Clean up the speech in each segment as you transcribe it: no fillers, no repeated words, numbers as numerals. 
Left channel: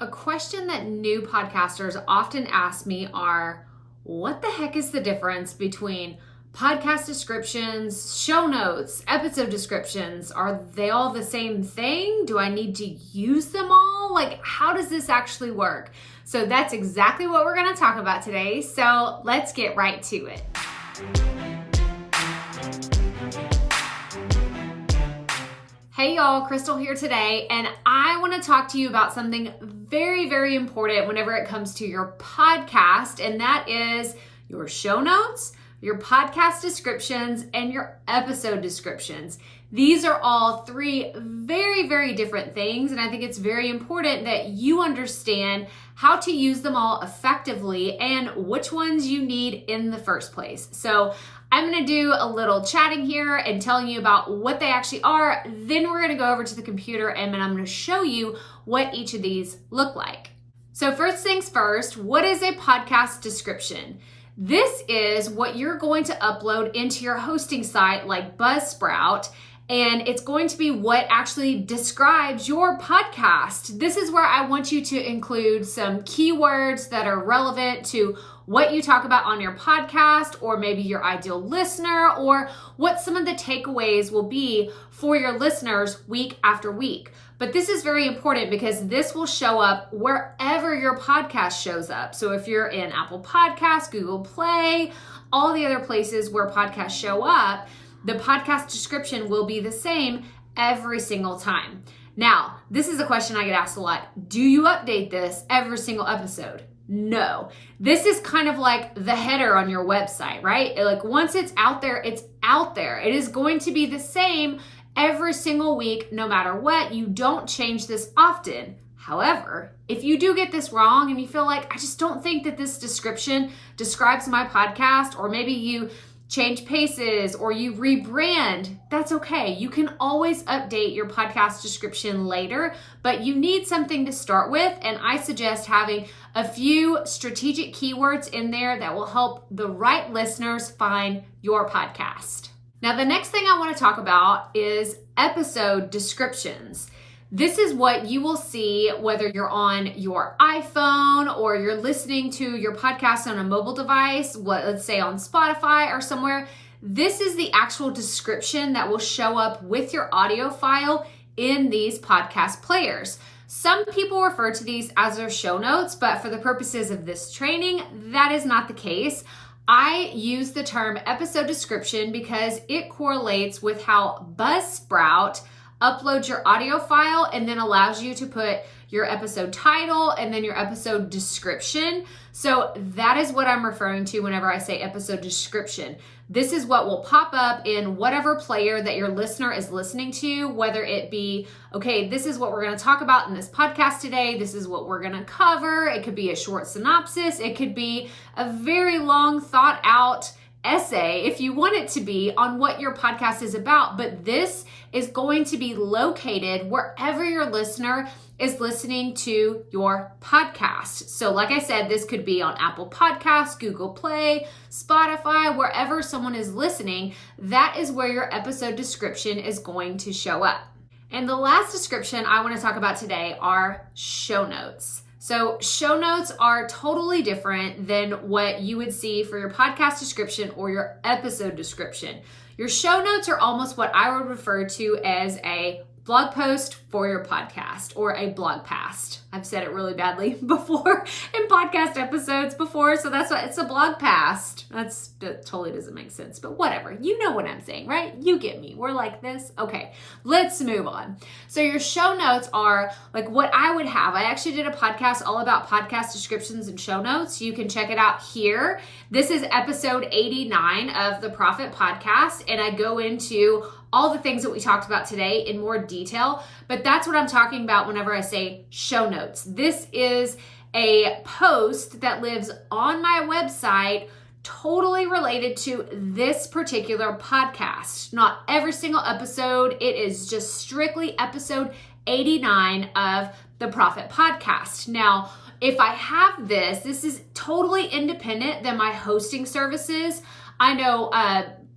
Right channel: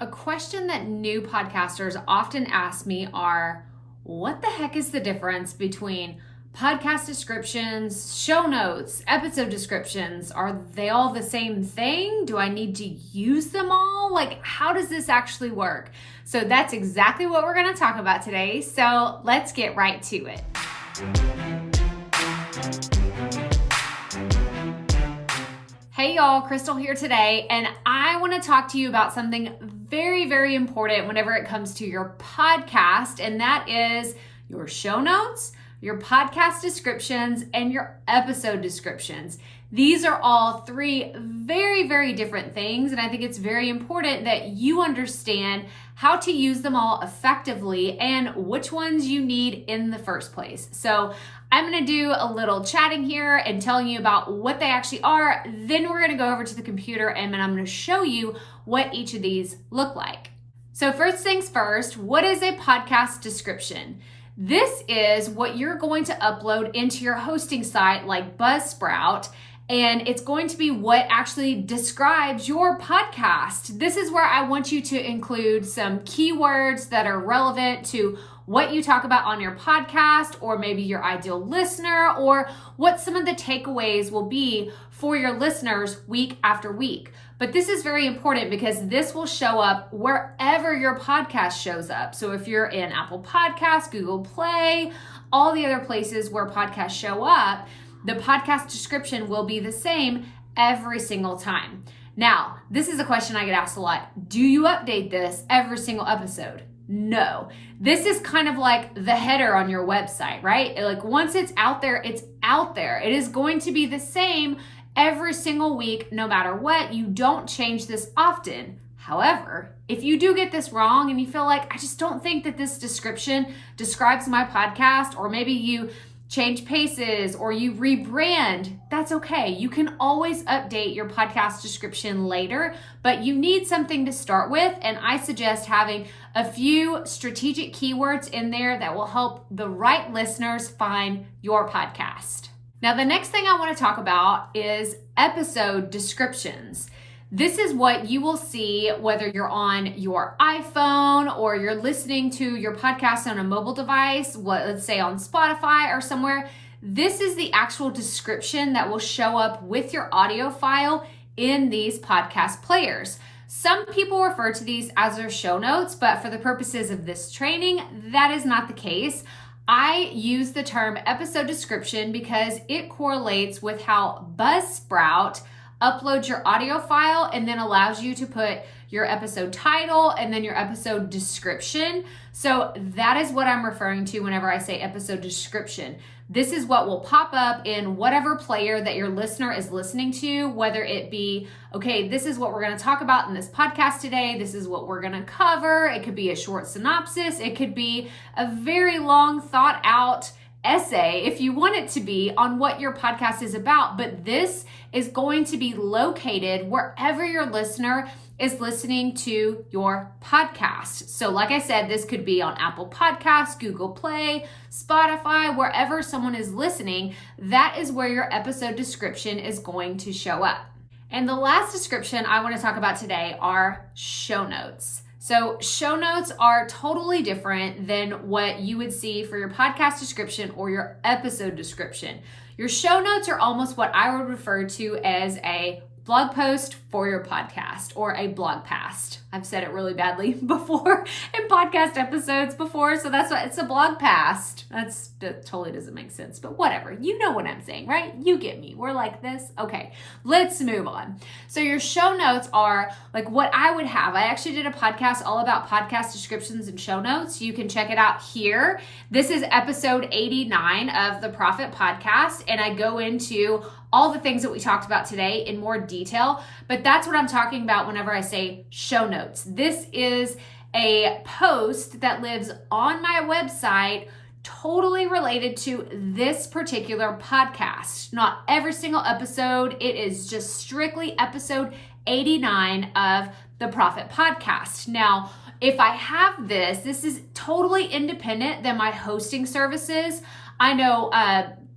A question that new podcasters often ask me are, what the heck is the difference between podcast descriptions, show notes, episode descriptions? Are they all the same thing? Do I need to use them all? Like, how does this actually work? So that's exactly what we're going to talk about today. So let's get right to it. Hey y'all, Crystal here today, and I want to talk to you about something very, very important whenever it comes to your podcast, and that is your show notes, your podcast descriptions, and your episode descriptions. These are all three very, very different things, and I think it's very important that you understand how to use them all effectively and which ones you need in the first place. So I'm going to do a little chatting here and telling you about what they actually are. Then we're going to go over to the computer and then I'm going to show you what each of these look like. So first things first, what is a podcast description? This is what you're going to upload into your hosting site like Buzzsprout, and it's going to be what actually describes your podcast. This is where I want you to include some keywords that are relevant to what you talk about on your podcast, or maybe your ideal listener, or what some of the takeaways will be for your listeners week after week. But this is very important because this will show up wherever your podcast shows up. So if you're in Apple Podcasts, Google Play, all the other places where podcasts show up, the podcast description will be the same every single time. Now, this is a question I get asked a lot. Do you update this every single episode? No. This is kind of like the header on your website, right? Like once it's out there, it's out there. It is going to be the same every single week, no matter what. You don't change this often. However, if you do get this wrong and you feel like, I just don't think that this description describes my podcast, or maybe you change paces or you rebrand, that's okay. You can always update your podcast description later, but you need something to start with. And I suggest having a few strategic keywords in there that will help the right listeners find your podcast. Now, the next thing I want to talk about is episode descriptions. This is what you will see whether you're on your iPhone or you're listening to your podcast on a mobile device, let's say on Spotify or somewhere. This is the actual description that will show up with your audio file in these podcast players. Some people refer to these as their show notes, but for the purposes of this training, that is not the case. I use the term episode description because it correlates with how Buzzsprout uploads your audio file and then allows you to put your episode title and then your episode description. So that is what I'm referring to whenever I say episode description. This is what will pop up in whatever player that your listener is listening to, whether it be, okay, this is what we're going to talk about in this podcast today. This is what we're going to cover. It could be a short synopsis. It could be a very long thought out essay if you want it to be on what your podcast is about. But this is going to be located wherever your listener is listening to your podcast. So like I said, this could be on Apple Podcasts, Google Play, Spotify, wherever someone is listening. That is where your episode description is going to show up. And the last description I want to talk about today are show notes. So show notes are totally different than what you would see for your podcast description or your episode description. Your show notes are almost what I would refer to as a blog post for your podcast, or a blog past. I've said it really badly before in podcast episodes before, so that's what it's a blog past. That totally doesn't make sense, but whatever. You know what I'm saying, right? You get me. We're like this. Okay, let's move on. So your show notes are like what I would have. I actually did a podcast all about podcast descriptions and show notes. You can check it out here. This is episode 89 of the Proffitt podcast, and I go into all the things that we talked about today in more detail, but that's what I'm talking about whenever I say show notes. This is a post that lives on my website totally related to this particular podcast. Not every single episode. It is just strictly episode 89 of the Proffitt podcast. Now, if I have this is totally independent than my hosting services. I know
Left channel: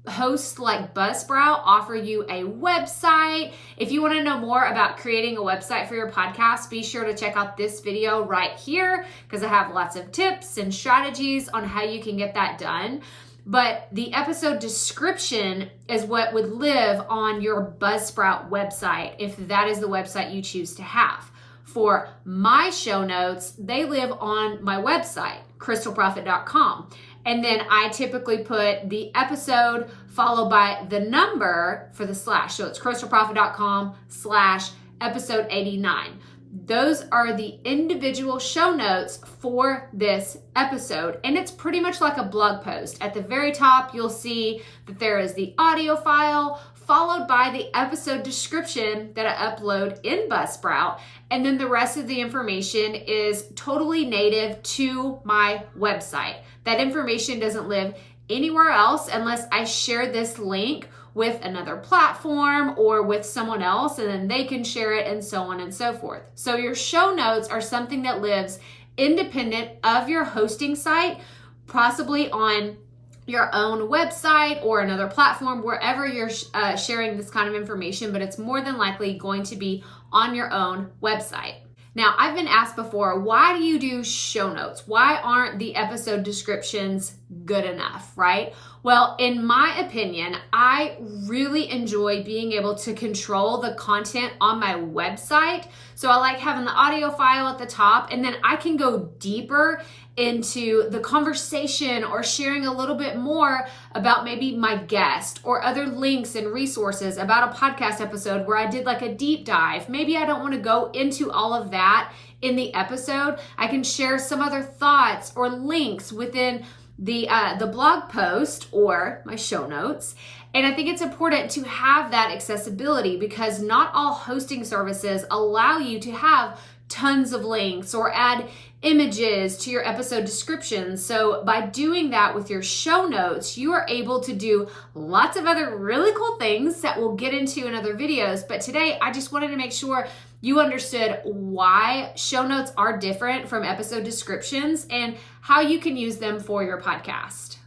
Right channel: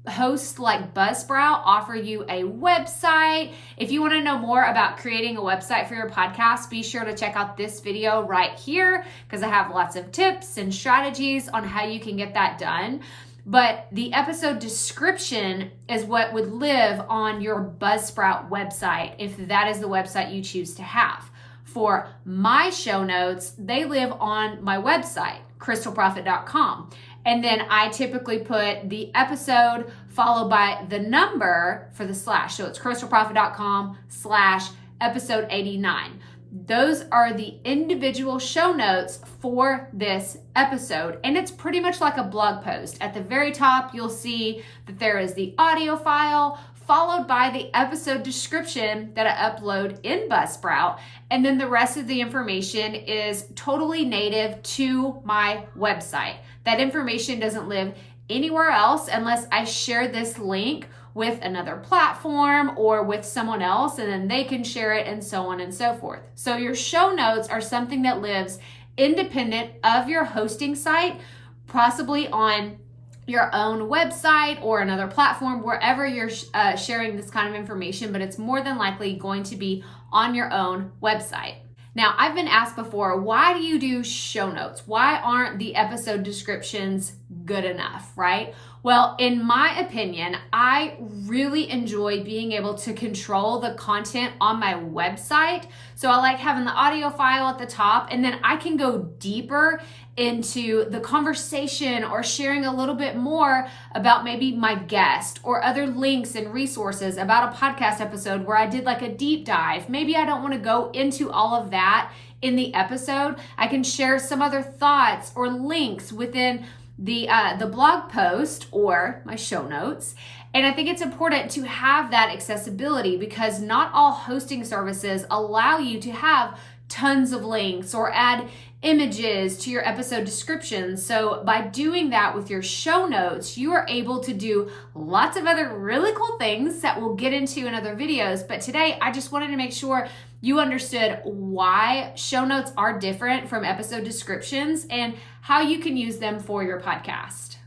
hosts like Buzzsprout offer you a website. If you want to know more about creating a website for your podcast, be sure to check out this video right here because I have lots of tips and strategies on how you can get that done. But the episode description is what would live on your Buzzsprout website if that is the website you choose to have. For my show notes, they live on my website, crystalproffitt.com. And then I typically put the episode followed by the number for the slash. So it's crystalproffitt.com/episode 89. Those are the individual show notes for this episode. And it's pretty much like a blog post. At the very top, you'll see that there is the audio file followed by the episode description that I upload in Buzzsprout. And then the rest of the information is totally native to my website. That information doesn't live anywhere else unless I share this link with another platform or with someone else, and then they can share it and so on and so forth. So your show notes are something that lives independent of your hosting site, possibly on your own website or another platform, wherever you're sharing this kind of information, but it's more than likely going to be on your own website. Now, I've been asked before, why do you do show notes? Why aren't the episode descriptions good enough, right? Well, in my opinion, I really enjoy being able to control the content on my website. So I like having the audio file at the top, and then I can go deeper into the conversation or sharing a little bit more about maybe my guest or other links and resources about a podcast episode where I did like a deep dive. Maybe I don't want to go into all of that in the episode. I can share some other thoughts or links within the blog post or my show notes. And I think it's important to have that accessibility because not all hosting services allow you to have tons of links or add images to your episode descriptions. So by doing that with your show notes, you are able to do lots of other really cool things that we'll get into in other videos. But today, I just wanted to make sure you understood why show notes are different from episode descriptions and how you can use them for your podcast.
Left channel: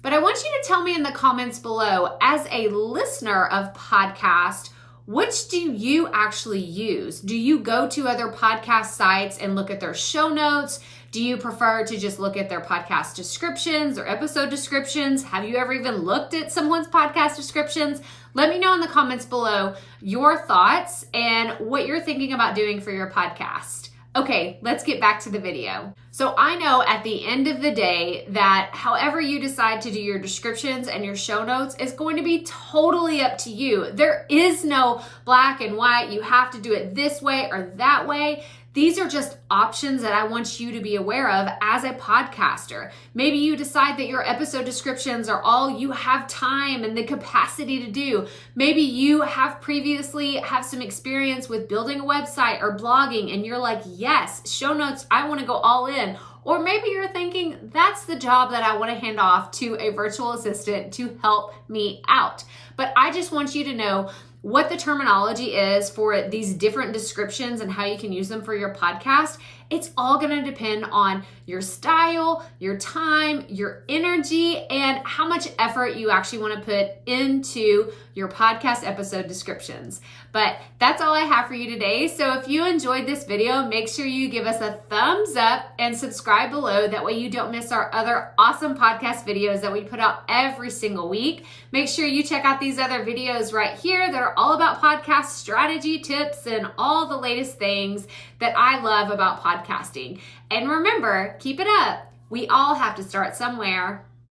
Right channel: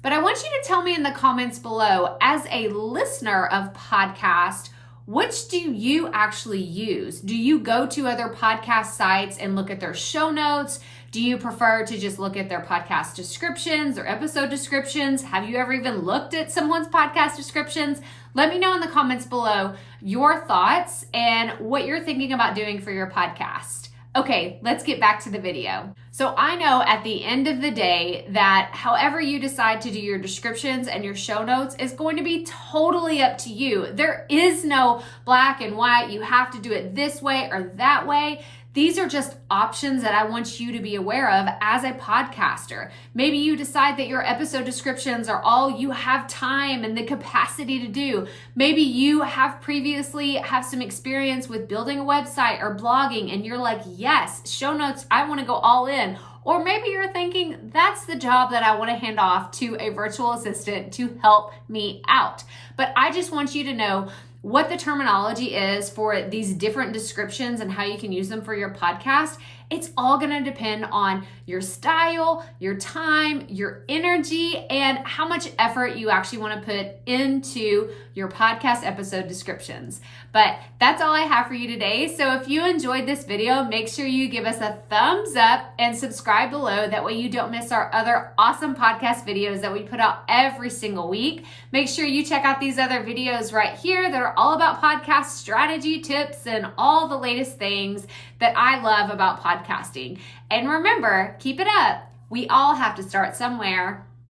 But I want you to tell me in the comments below, as a listener of podcast, which do you actually use? Do you go to other podcast sites and look at their show notes? Do you prefer to just look at their podcast descriptions or episode descriptions? Have you ever even looked at someone's podcast descriptions? Let me know in the comments below your thoughts and what you're thinking about doing for your podcast. Okay, let's get back to the video. So I know at the end of the day that however you decide to do your descriptions and your show notes is going to be totally up to you. There is no black and white. You have to do it this way or that way. These are just options that I want you to be aware of as a podcaster. Maybe you decide that your episode descriptions are all you have time and the capacity to do. Maybe you have previously have some experience with building a website or blogging and you're like, yes, show notes, I want to go all in. Or maybe you're thinking, that's the job that I want to hand off to a virtual assistant to help me out. But I just want you to know what the terminology is for these different descriptions and how you can use them for your podcast. It's all going to depend on your style, your time, your energy, and how much effort you actually want to put into your podcast episode descriptions. But that's all I have for you today. So if you enjoyed this video, make sure you give us a thumbs up and subscribe below. That way you don't miss our other awesome podcast videos that we put out every single week. Make sure you check out these other videos right here that are all about podcast strategy tips and all the latest things that I love about podcasting. And remember, keep it up. We all have to start somewhere.